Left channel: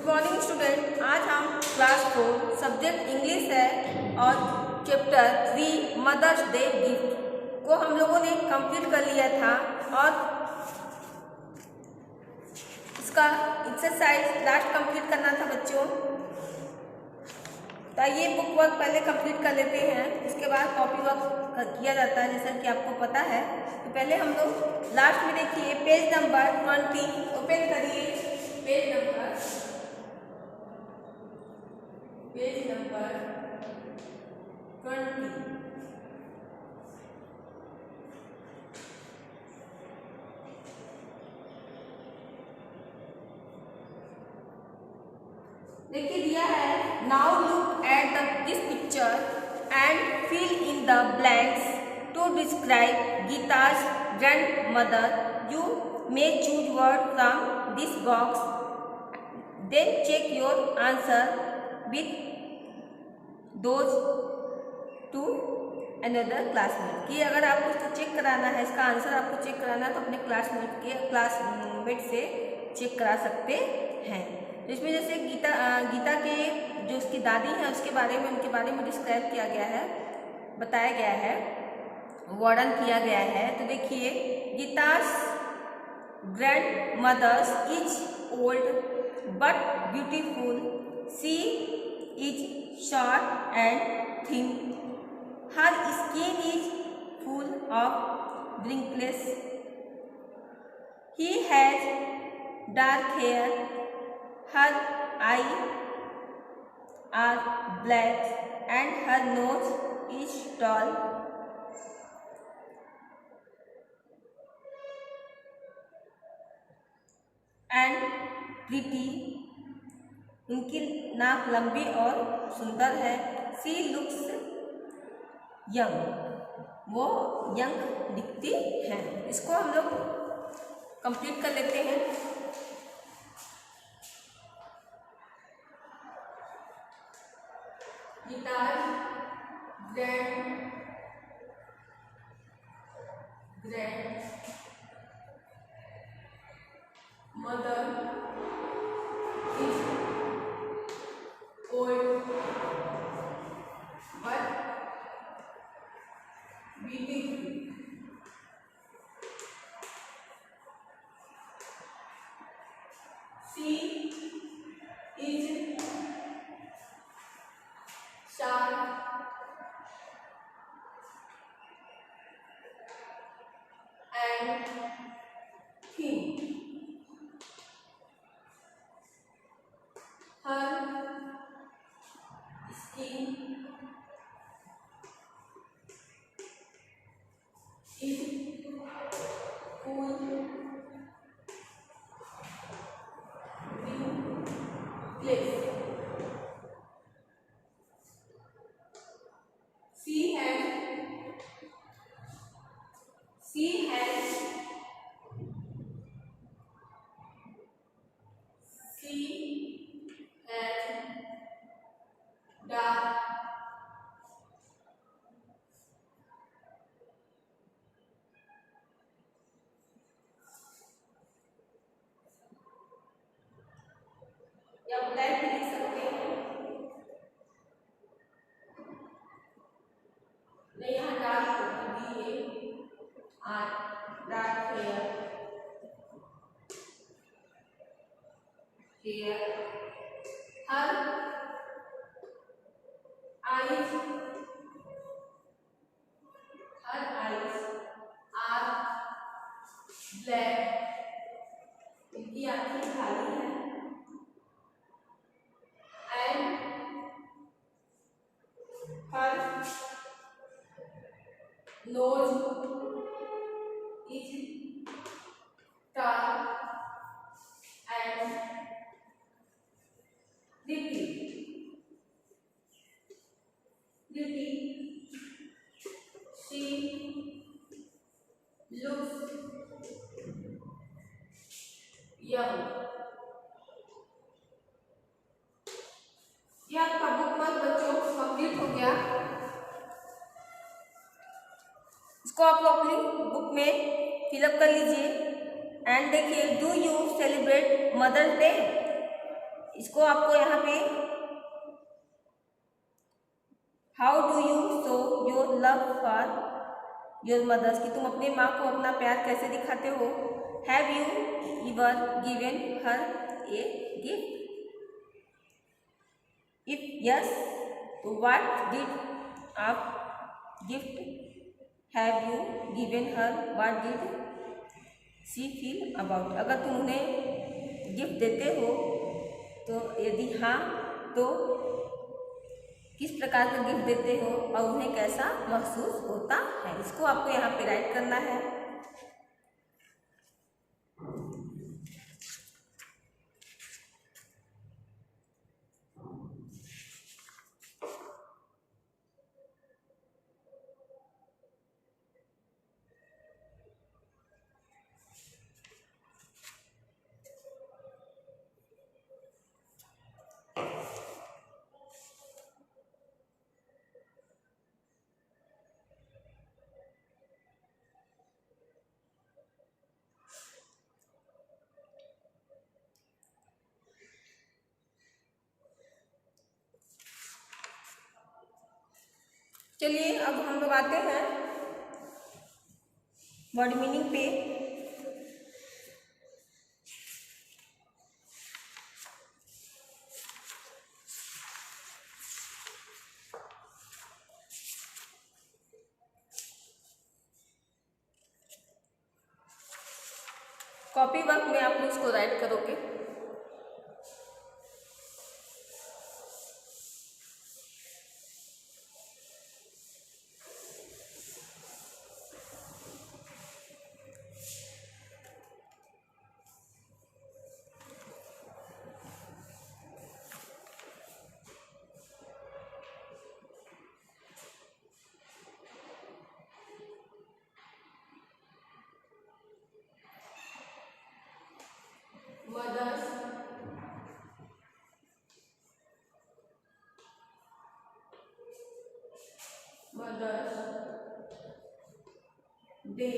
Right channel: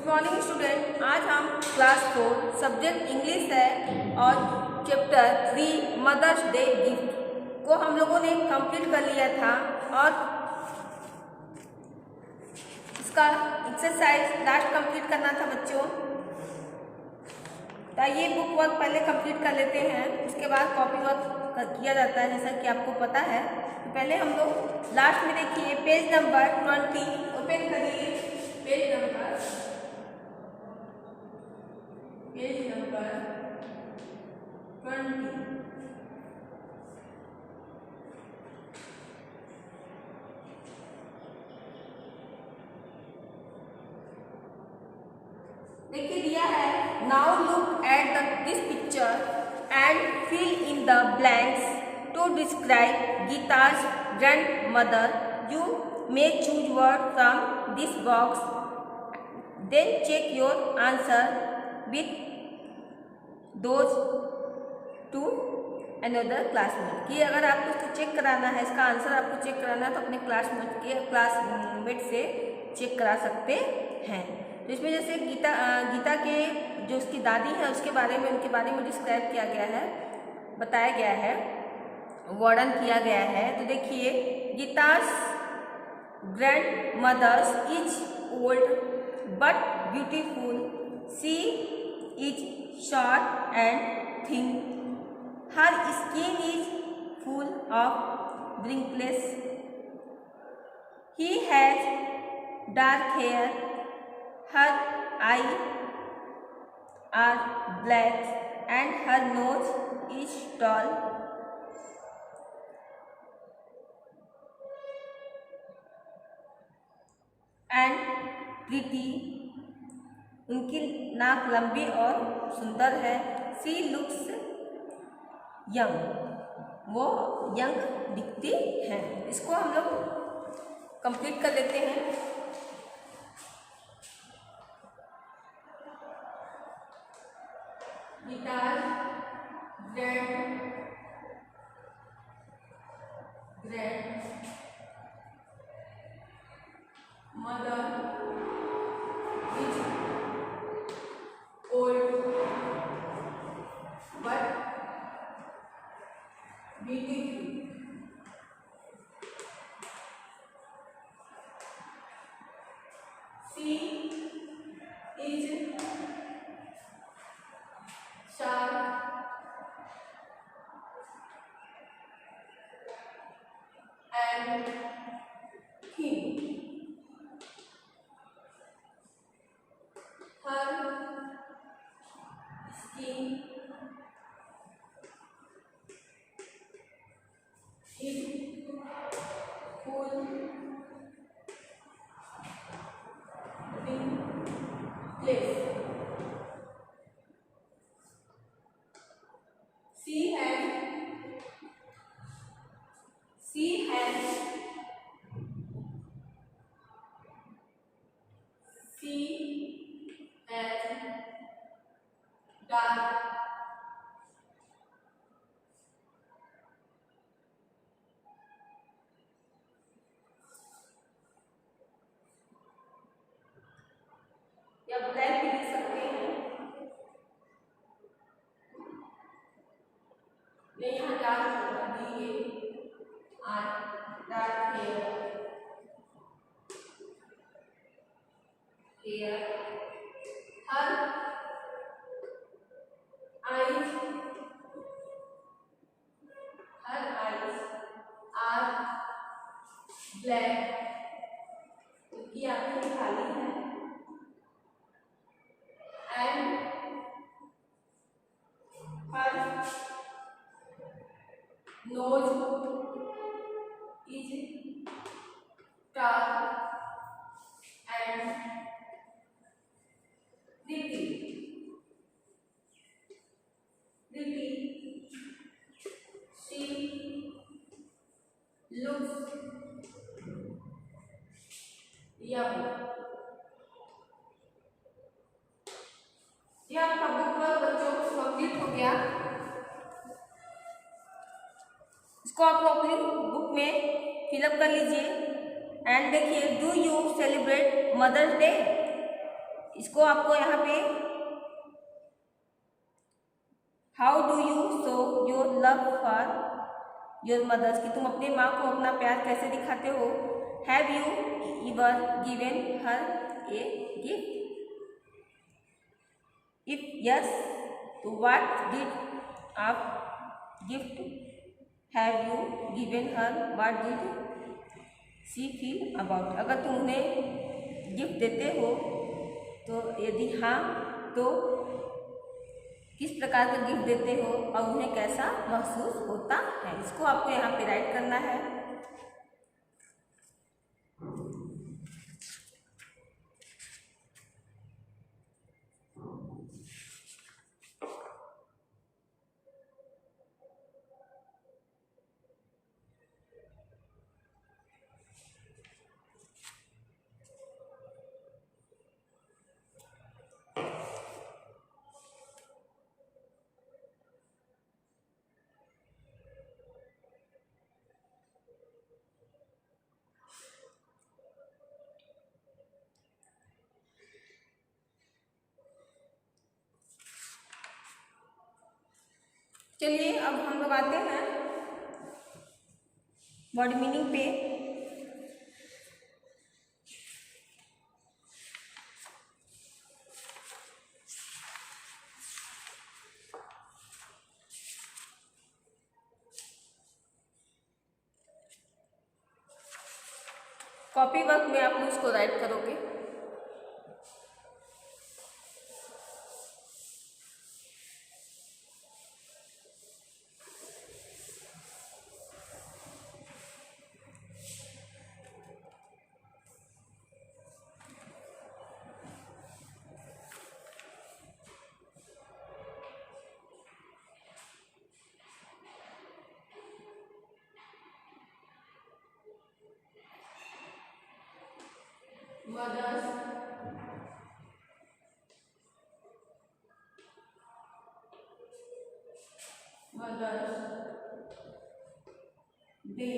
Good morning student. आज हम क्लास 4 subject English है और चैप्टर 3 मदर्स डे गिफ्ट को हम लोगों ने कंप्लीट कर लिया था और इसका एक्सरसाइज लास्ट कंप्लीट करना था बच्चों। तो ये बुक वर्क पहले कंप्लीट कर लेते हैं, उसके बाद कॉपी वर्क किया जाता है जैसा कि आपको पता है। तो पहले हम लोग लास्ट में देखिए पेज नंबर 20 ओपन करिए। Page number 20। देखिए दिया है, now look at this picture and fill in the blanks to describe Geeta's grandmother. You may choose word from this box, then check your answer with those to another classmate. कि अगर आपको इसको चेक कराना है, इसका आंसर आपको चेक कराना है तो अपने क्लासमेट से चेक करा सकते हैं। तो इसमें जैसे गीता के जो उसकी दादी है उसके बारे में, उनके बारे में डिस्क्राइब किया गया है, बताया गया है, वर्णन किया गया है। तो देखिए, गीता's grandmother is old but beautiful. She is short and thin. Her skin is full of wrinkles. He has dark hair. Her eyes are black and her nose is tall and pretty. उनकी नाक लंबी और सुंदर है। She looks young. वो यंग दिखती हैं। इसको हम लोग कंप्लीट कर लेते हैं। गीता's grandmother is old but beautiful. She is short and thin. Her skin is full wrinkles. She has dark या ब्लैक भी लिख सकते हैं। नहीं, यहाँ डार्क होगा, DAR, dark hair. Her eyes are black. इनकी आंखें काली हैं। And her nose is tall and pretty. She looks young. ये आपका बुक वर्क बच्चों कंप्लीट हो गया। इसको आप लोग अपनी बुक में फिलअप कर लीजिए एंड देखिए, do you celebrate mother's day? इसको आपको यहाँ पे how do you show your love for your mothers, कि तुम अपने माँ को अपना प्यार कैसे दिखाते हो। Have you ever given her a gift, if yes तो व्हाट डिड आप gift have you given her, what did she feel about. अगर तुम उन्हें गिफ्ट देते हो तो यदि हाँ तो किस प्रकार का गिफ्ट देते हो और उन्हें कैसा महसूस होता है, इसको आपको यहाँ पे राइट करना है। चलिए अब हम लोग आते हैं वर्ड मीनिंग पे। कॉपी वर्क में आप लोग उसको राइट करोगे। Mother's day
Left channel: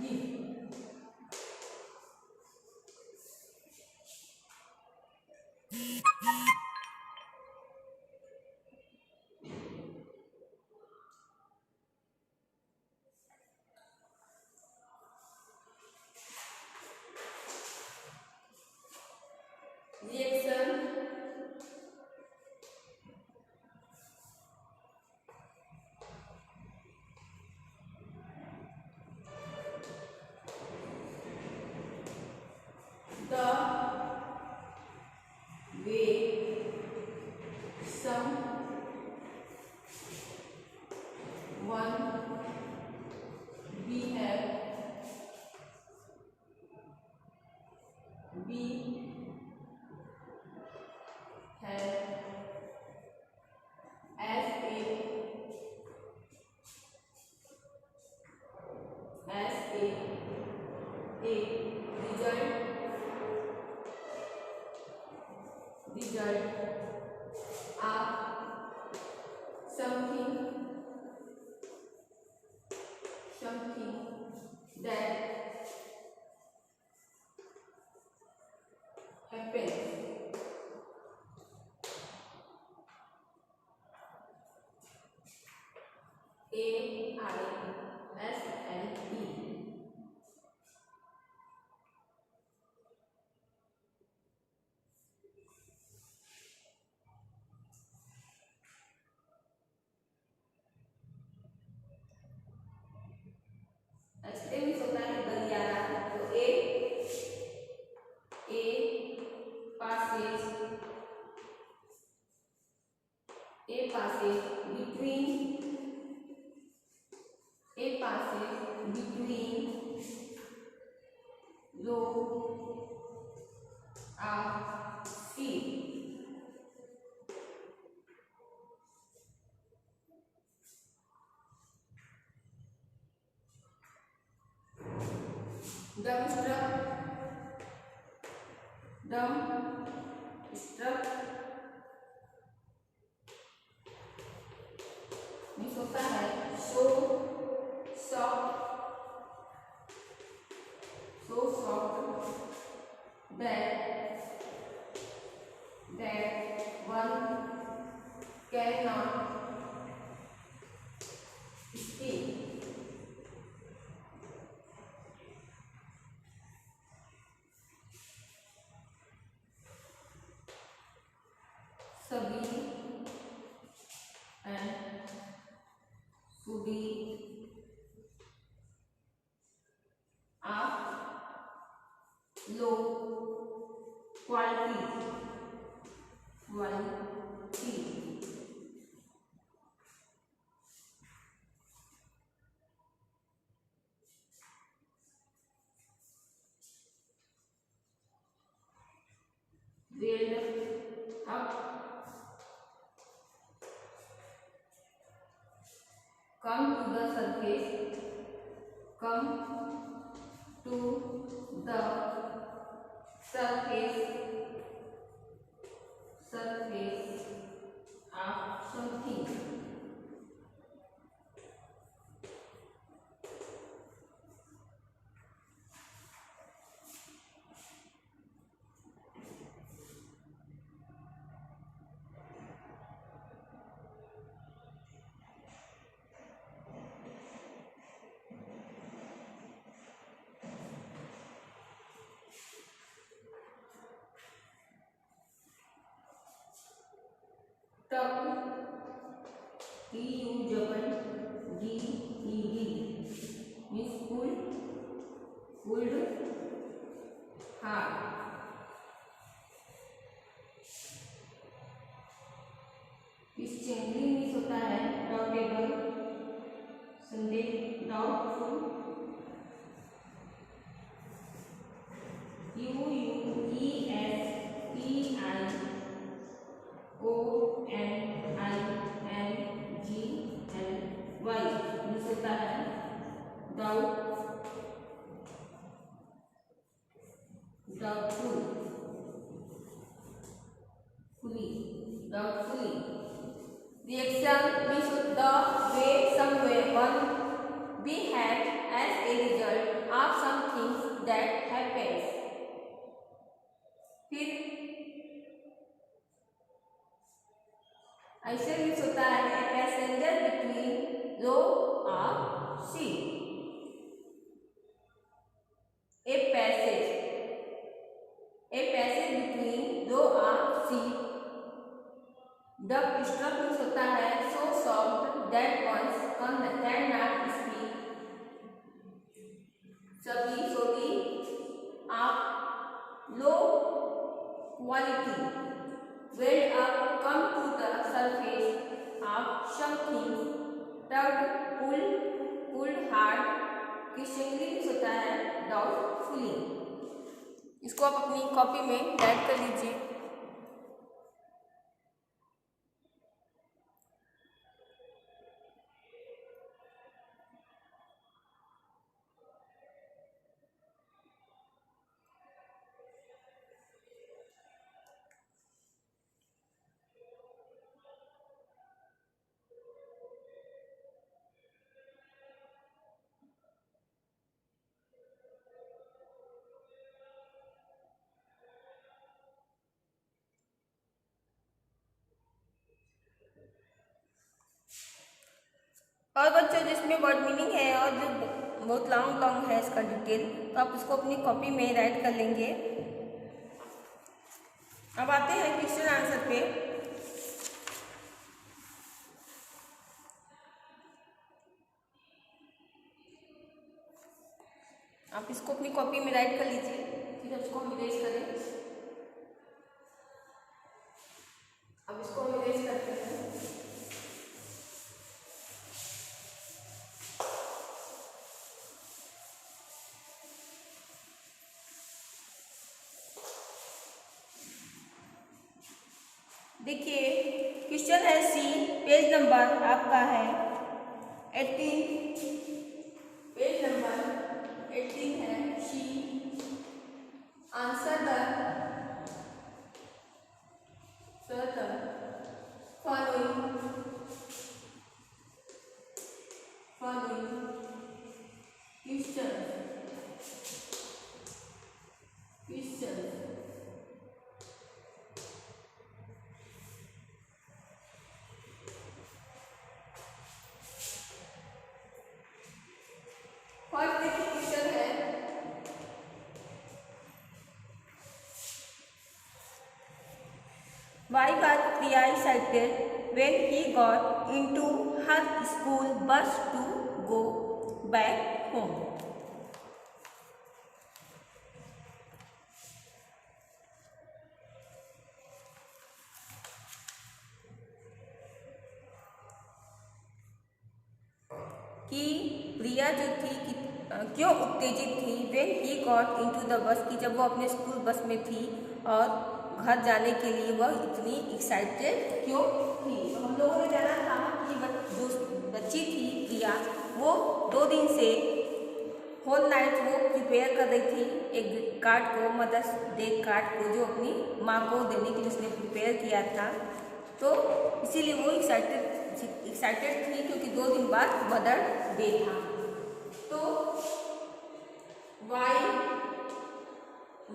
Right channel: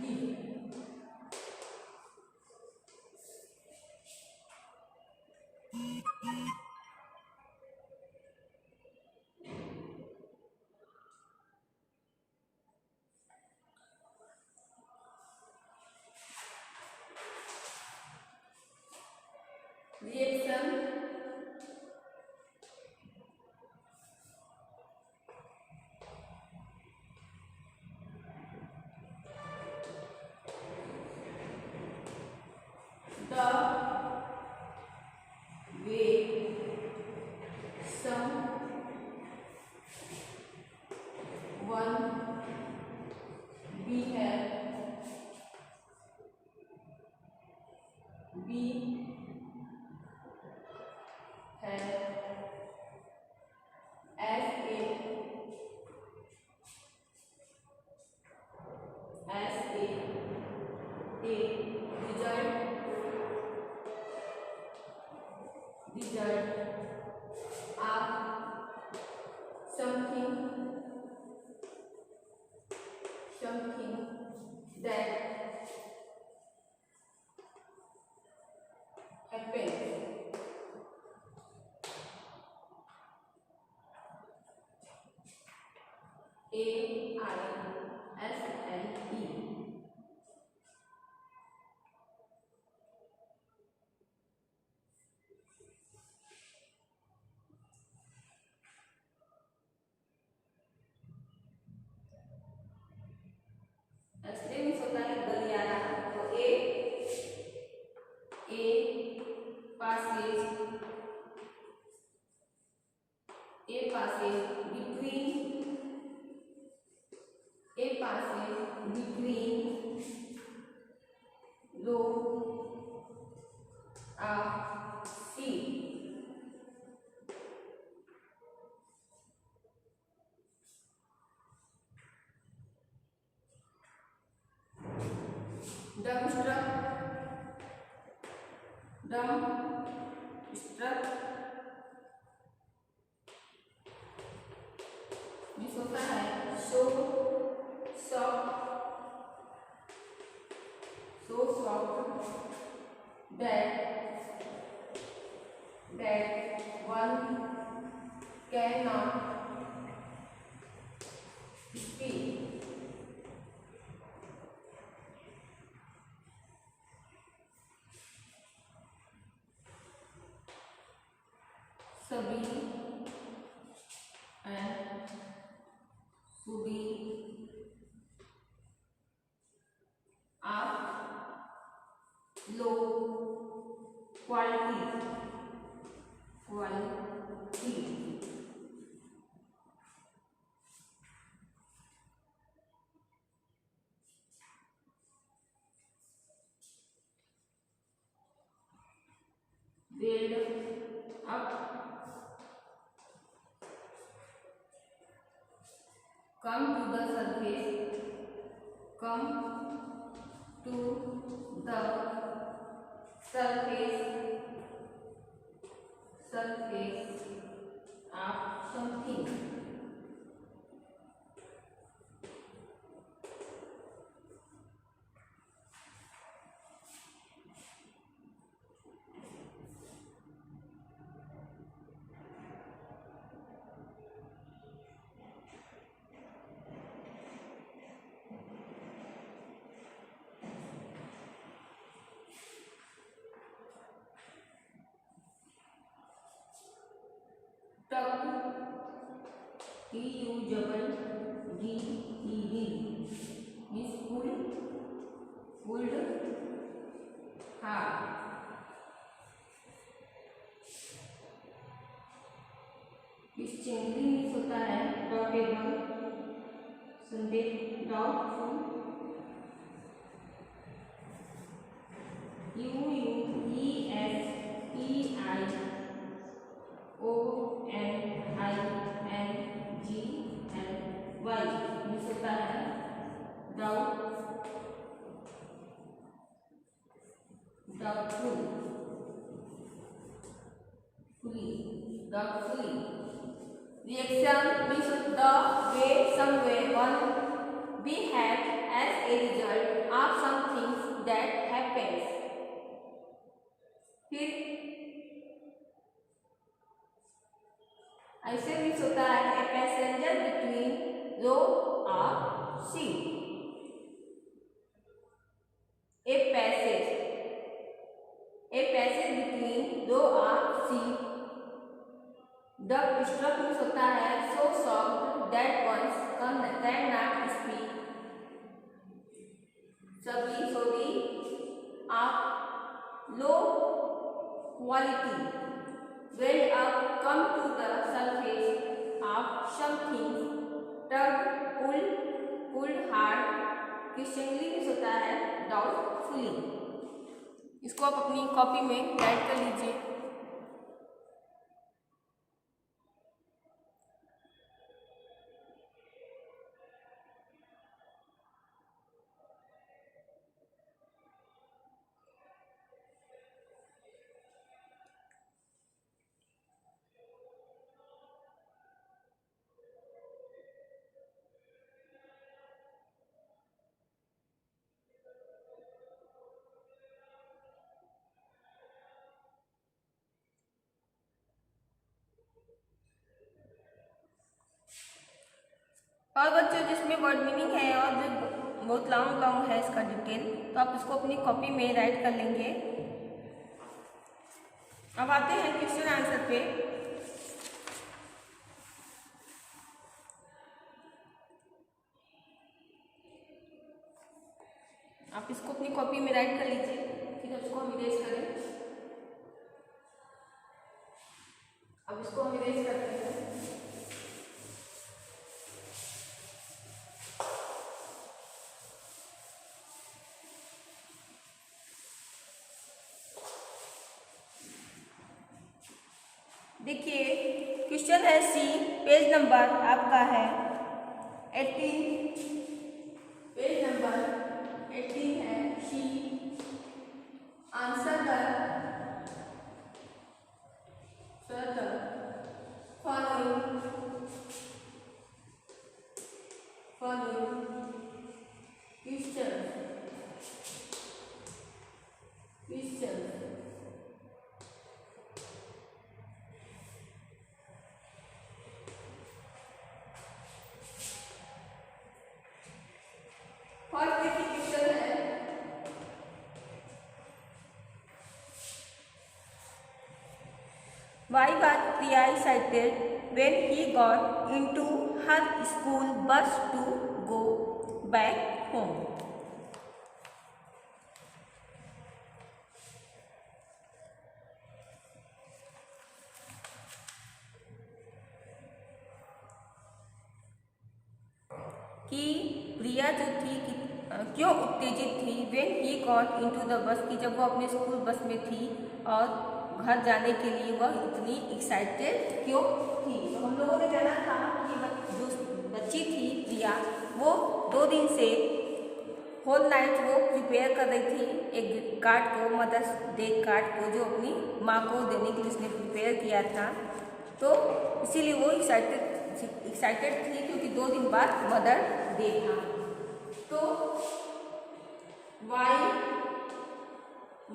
gift, reaction the way someone behave as a result of something that happened. AISLE explain होता है गलियारा, तो ए passes between row of sheep. Dumbstruck means होता है so soft that that one cannot speak. सभी and सुबी are low quality. Build up, come to the surface, come to the surface of something. Tuck, T-U-double-D-E-D means pulled hard. इस चेंगली मीन्स होता है डाउटेबल, संदेह, doubtful. UUESPIONINGLY means होता है doubtfully. Reaction means the way someone behave as a result of something that happens. फिर ऐसे मीन्स होता है a passenger between row of seat. A passage between row of seat. Duck struck means होता है so soft that one's cannot speak. सभी सोदी of low quality. Weld up, come to the surface of something. Tugged, pulled hard. Questioningly means होता है डाउटफुली. इसको आप अपनी कॉपी में राइट कर लीजिए. और बच्चों जिसमें वर्ड मीनिंग है और जो बहुत लॉन्ग है इसका डिटेल, तो आप इसको अपनी कॉपी में राइट कर लेंगे. अब आते हैं क्वेश्चन आंसर पे. आप इसको अपनी कॉपी में राइट कर लीजिए. फिर इसको हम इरेज करें. अब इसको हम इरेज करते हैं. देखिए क्वेश्चन है सी, पेज नंबर आपका है 18. पेज नंबर 18 है C. Answer the following questions Why was Priya excited when he got into her school bus to go back home? कि प्रिया जो थी क्यों उत्तेजित थी when he got into the bus, कि जब वो अपने स्कूल बस में थी और घर जाने के लिए वह इतनी एक्साइटेड क्यों थी। तो हम लोगों ने जाना था कि जो बच्ची थी प्रिया, वो 2 दिन से होल नाइट वो प्रिपेयर कर रही थी एक कार्ड को, मदर्स डे कार्ड को, जो अपनी माँ को देने के लिए उसने प्रिपेयर किया था। तो इसीलिए वो एक्साइटेड थी क्योंकि 2 दिन बाद मदर डे था। तो why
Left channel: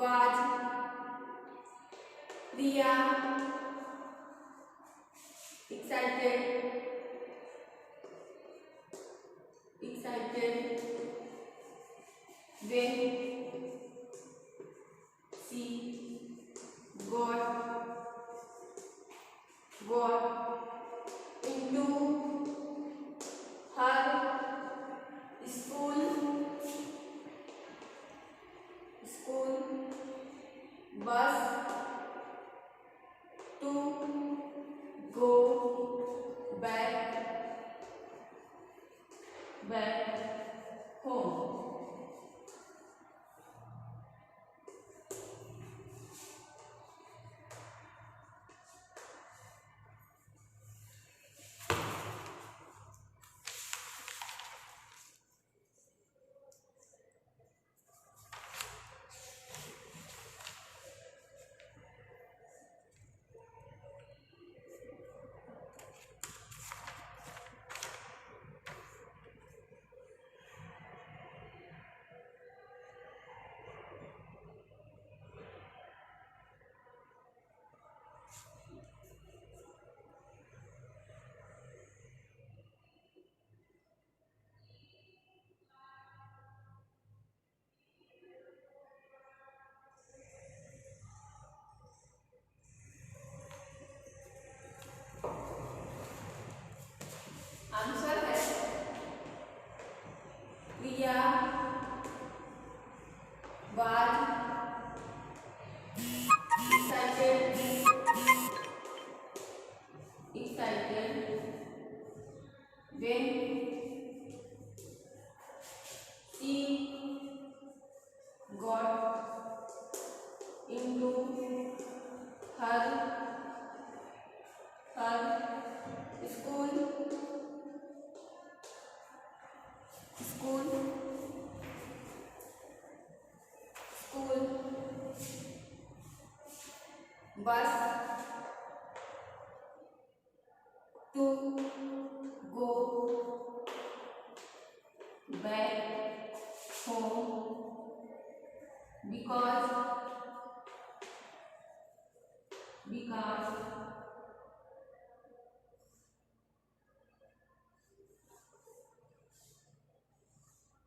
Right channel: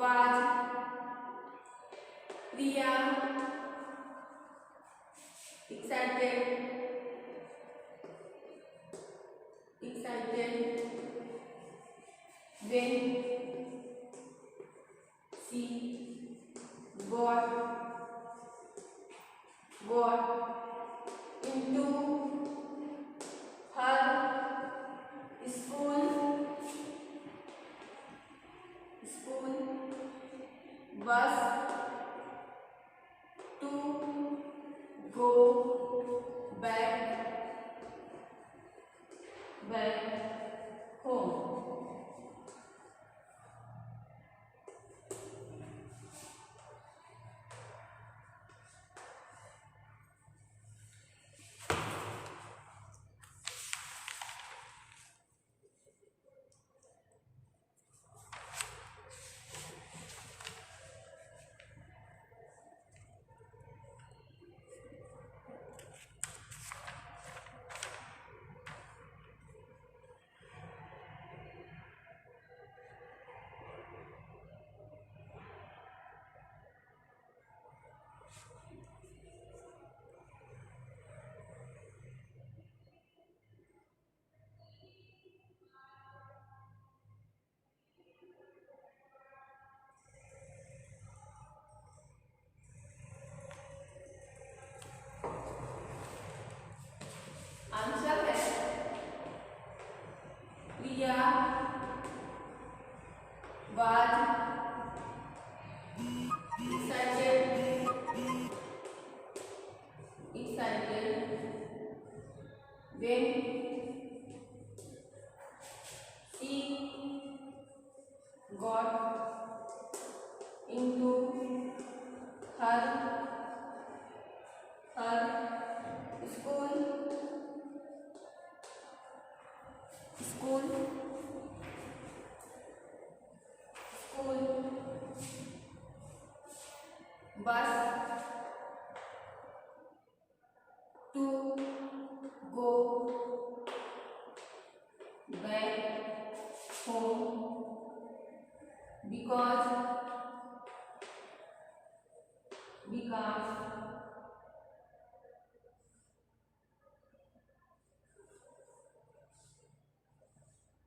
was Priya excited when she got into her school bus to go back home. Answer है प्रिया was excited when she got into her school bus to go back home because Priya had been planning for the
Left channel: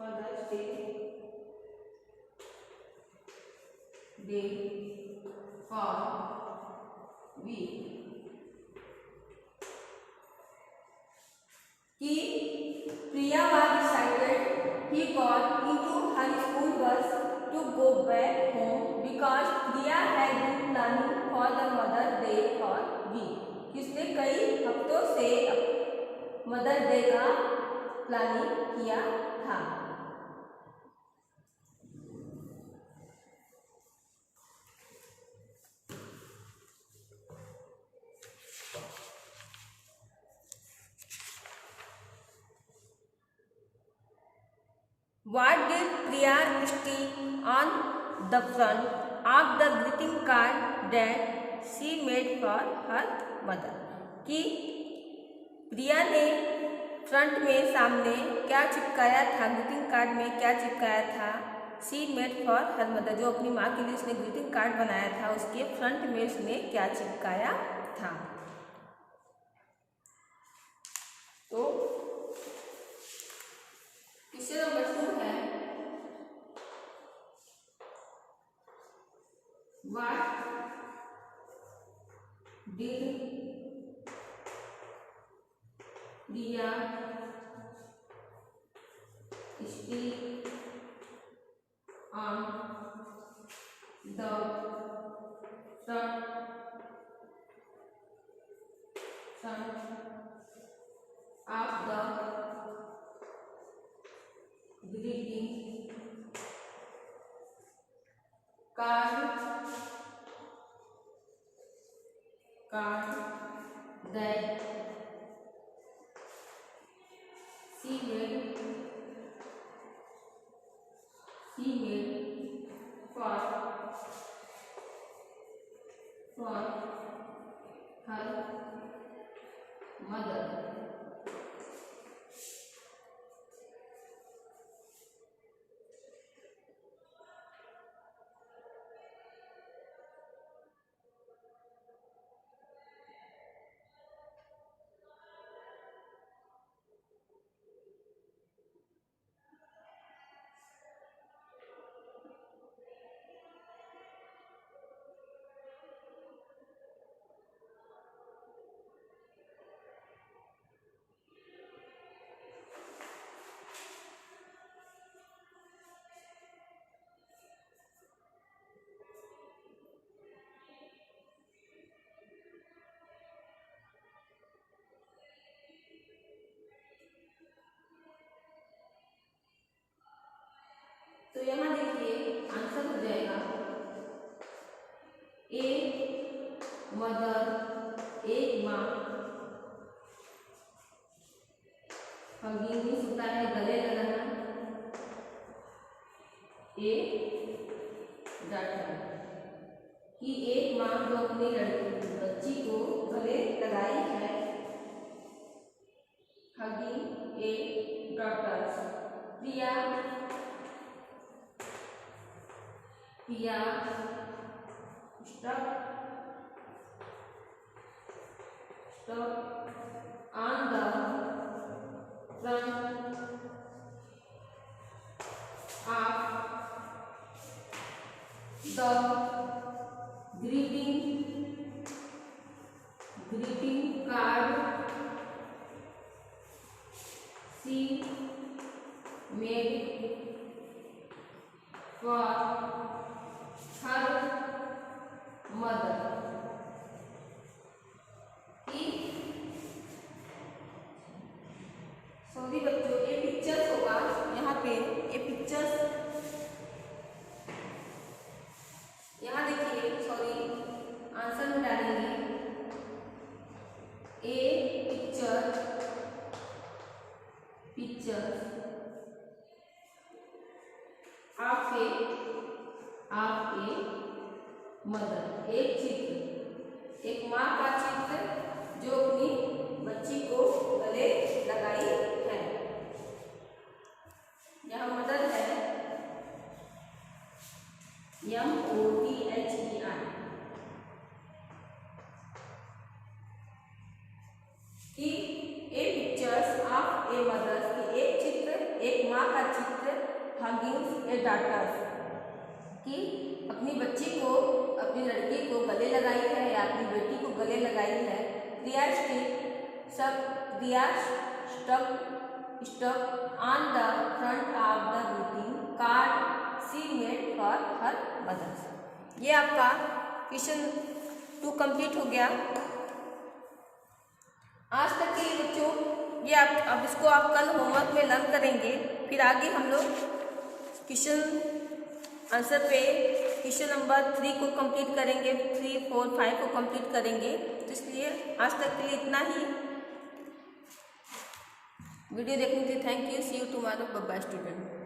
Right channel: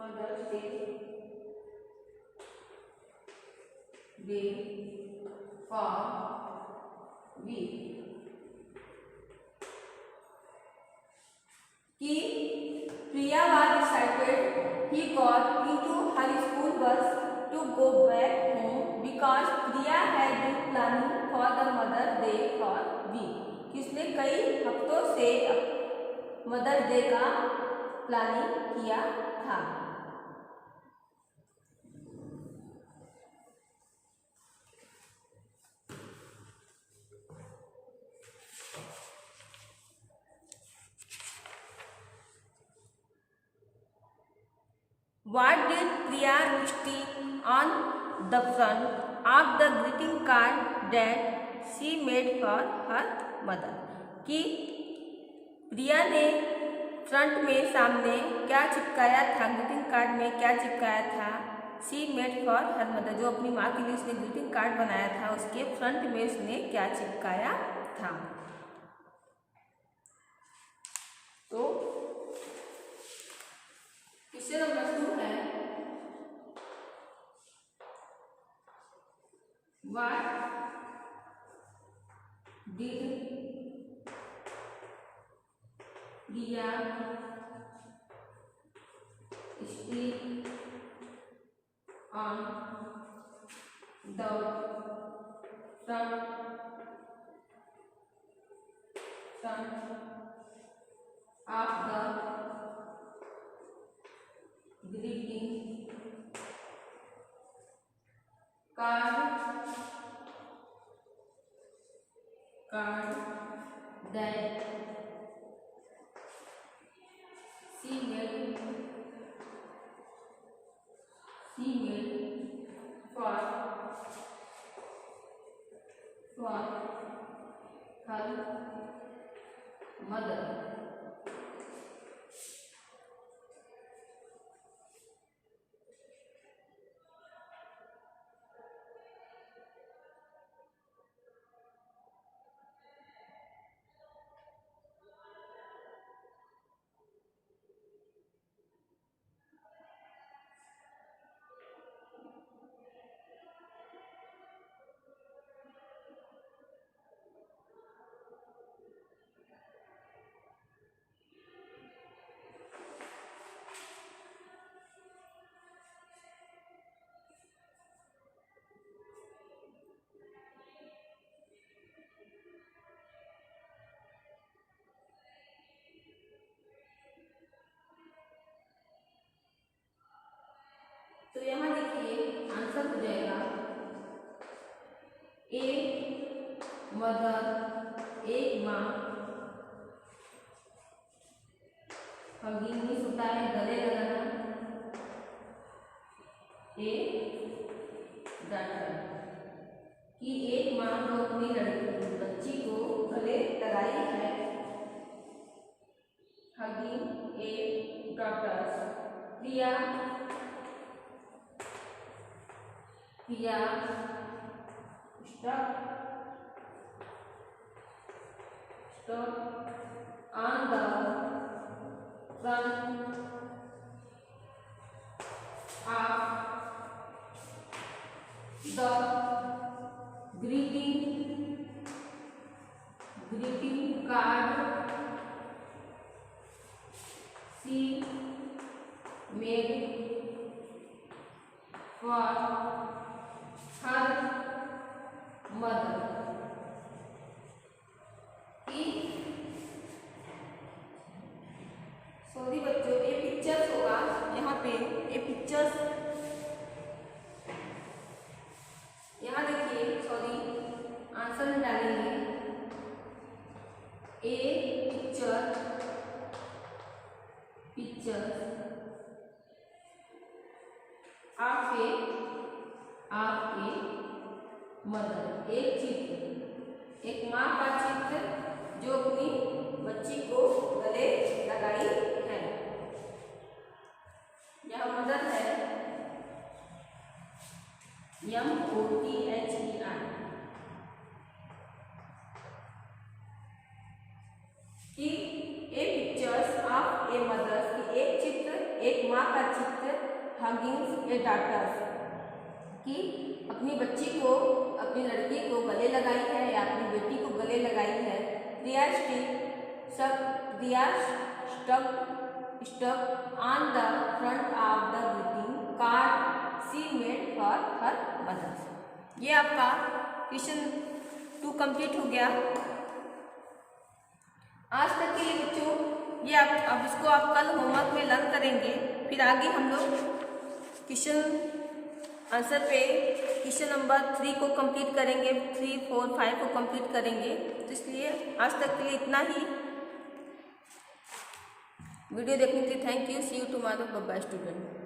Mother's Day for week कि प्रिया was excited he got into her school bus to go back home because Priya had been planning for the Mother's Day for week. कि उसने कई हफ्तों से mother's day का प्लानिंग किया था। What did Priya stick on the front of the greeting card that she made for her mother? कि प्रिया ने फ्रंट में सामने क्या चिपकाया था, ग्रीटिंग कार्ड में क्या चिपकाया था? She made for her mother, जो अपनी माँ के लिए उसने ग्रीटिंग कार्ड बनाया था उसके फ्रंट में उसने क्या चिपकाया था? तो क्वेश्चन नंबर 2 है, what did Priya stick on the front of the greeting card that she made for her mother? तो यहाँ देखिए आंसर हो जाएगा ए मदर, एक माँ, हगिंग मीन्स होता है गले लगाना, ए डॉटर, कि एक माँ जो अपनी लड़की बच्ची को गले लगाई है, हगिंग ए डॉटर। प्रिया stuck on the front of the greeting card she made for her mother। Sorry बच्चों, ये पिक्चर्स होगा यहाँ पे, ये पिक्चर्स यहाँ देखिए, सॉरी आंसर में डालेंगे ए पिक्चर ऑफ ए मदर, एक चित्र, एक माँ का चित्र जो अपनी बच्ची को गले लगाई है। यह मदर है MOTHER, कि ए पिक्चर्स ऑफ ए मदर, कि एक चित्र, एक माँ का चित्र, हगिंग्स ए डॉटर्स, कि अपनी बच्ची को, अपनी लड़की को गले लगाई है या अपनी बेटी को गले लगाई है। Priya stuck on the front of the greeting card she made for her mother. ये आपका क्वेश्चन 2 कंप्लीट हो गया। आज तक के लिए बच्चों ये आप अब इसको आप कल होमवर्क में लर्न करेंगे। फिर आगे हम लोग क्वेश्चन आंसर पे क्वेश्चन नंबर 3 को कंप्लीट करेंगे, 3, 4, 5 को कंप्लीट करेंगे। तो इसलिए आज तक के लिए इतना ही। वीडियो देखने के लिए thank you. See you tomorrow. Bye bye student.